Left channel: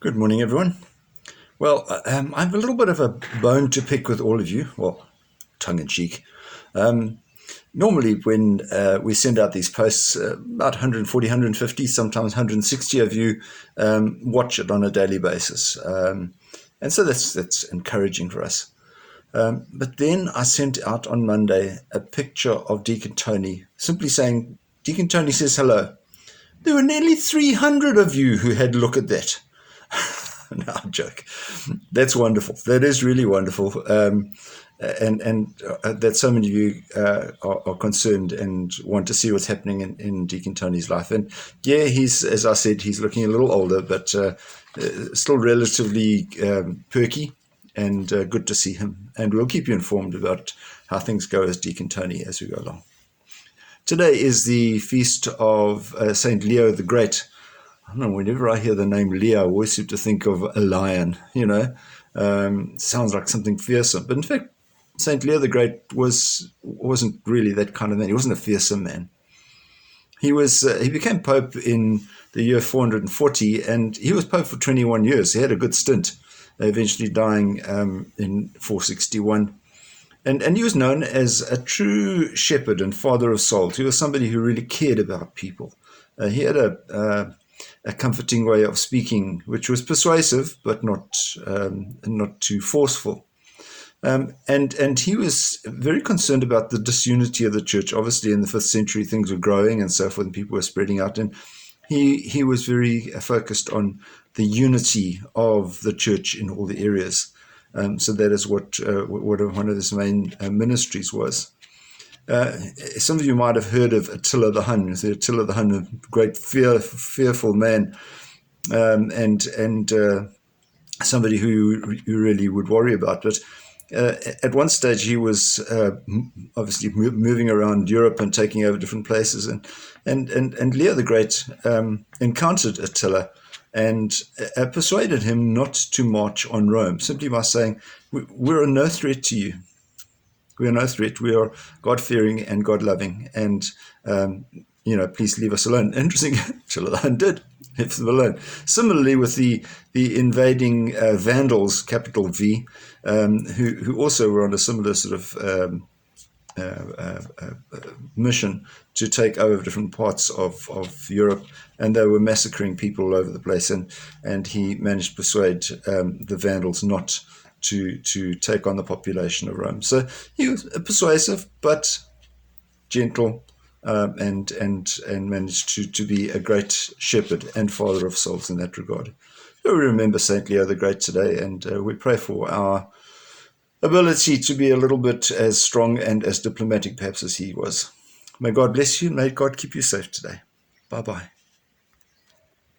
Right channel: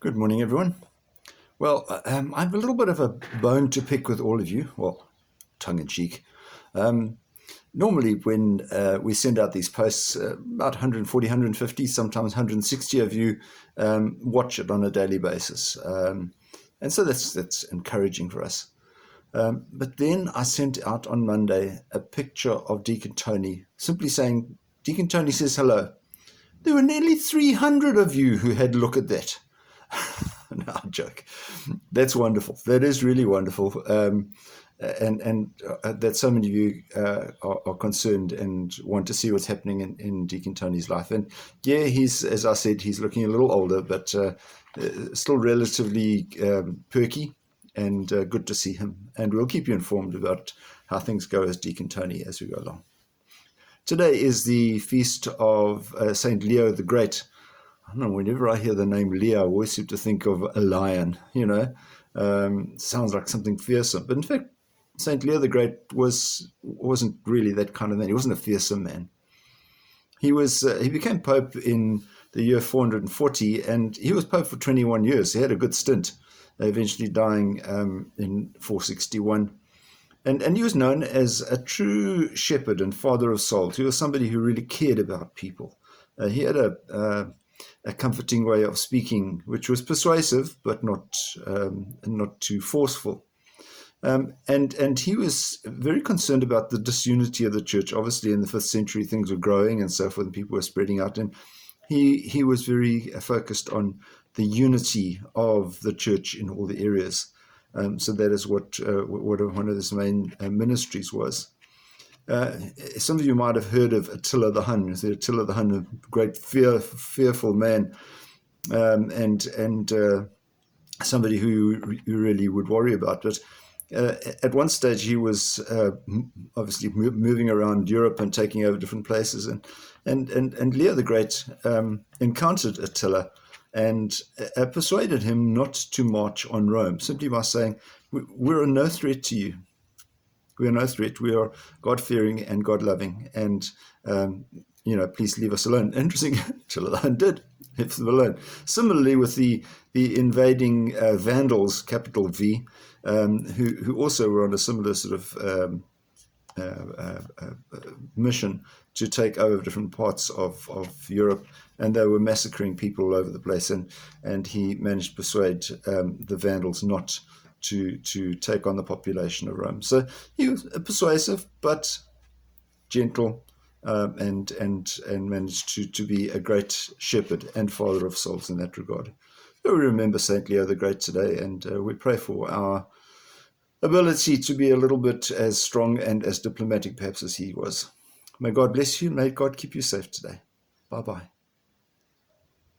Good morning, everyone. Well, I have a little bit of a bone to pick with all of you. Well, tongue in cheek. Normally, when we send out these posts, about 140, 150, sometimes 160 of you watch it on a daily basis. And so that's encouraging for us. But then I sent out on Monday a picture of Deacon Tony, simply saying, Deacon Tony says hello. There were nearly 300 of you who had a look at that. No, joke. That's wonderful. That is really wonderful. And that so many of you are concerned and want to see what's happening in Deacon Tony's life. And yeah, he's, as I said, he's looking a little older, but still relatively perky and good to see him. And we'll keep you informed about how things go as Deacon Tony as we go along. Today is the feast of Saint Leo the Great. I don't know, whenever I hear the name Leo, I always seem to think of a lion, sounds like something fearsome. But in fact, St. Leo the Great wasn't really that kind of man. He wasn't a fearsome man. He became Pope in the year 440, and he was Pope for 21 years. He had a good stint, eventually dying in 461. And he was known as a true shepherd and father of souls. He was somebody who really cared about people. He had a comforting way of speaking, which was persuasive, but not too forceful. And he was very concerned about the disunity of the church. Obviously, in the 5th century, things were growing and so forth, and people were spreading out. And he was very focused on the unity of the church in all the areas. So that is what one of his main ministries was. Some of you might have heard of Attila the Hun. Attila the Hun, a great fearful man, and somebody who you really would worry about. But at one stage, he was obviously moving around Europe and taking over different places. And Leo the Great encountered Attila and persuaded him not to march on Rome, simply by saying, "We're no threat to you. We are no threat. We are God-fearing and God-loving, and please leave us alone." Interesting, Attila did leave them alone. Similarly, with the invading Vandals, capital V, who also were on a similar sort of mission to take over different parts of Europe, and they were massacring people all over the place. And he managed to persuade the Vandals not to take on the population of Rome. So he was persuasive but gentle, and managed to be a great shepherd and father of souls in that regard. So we remember Saint Leo the Great today, and we pray for our ability to be a little bit as strong and as diplomatic perhaps as he was. May God bless you, and may God keep you safe today. Bye-bye.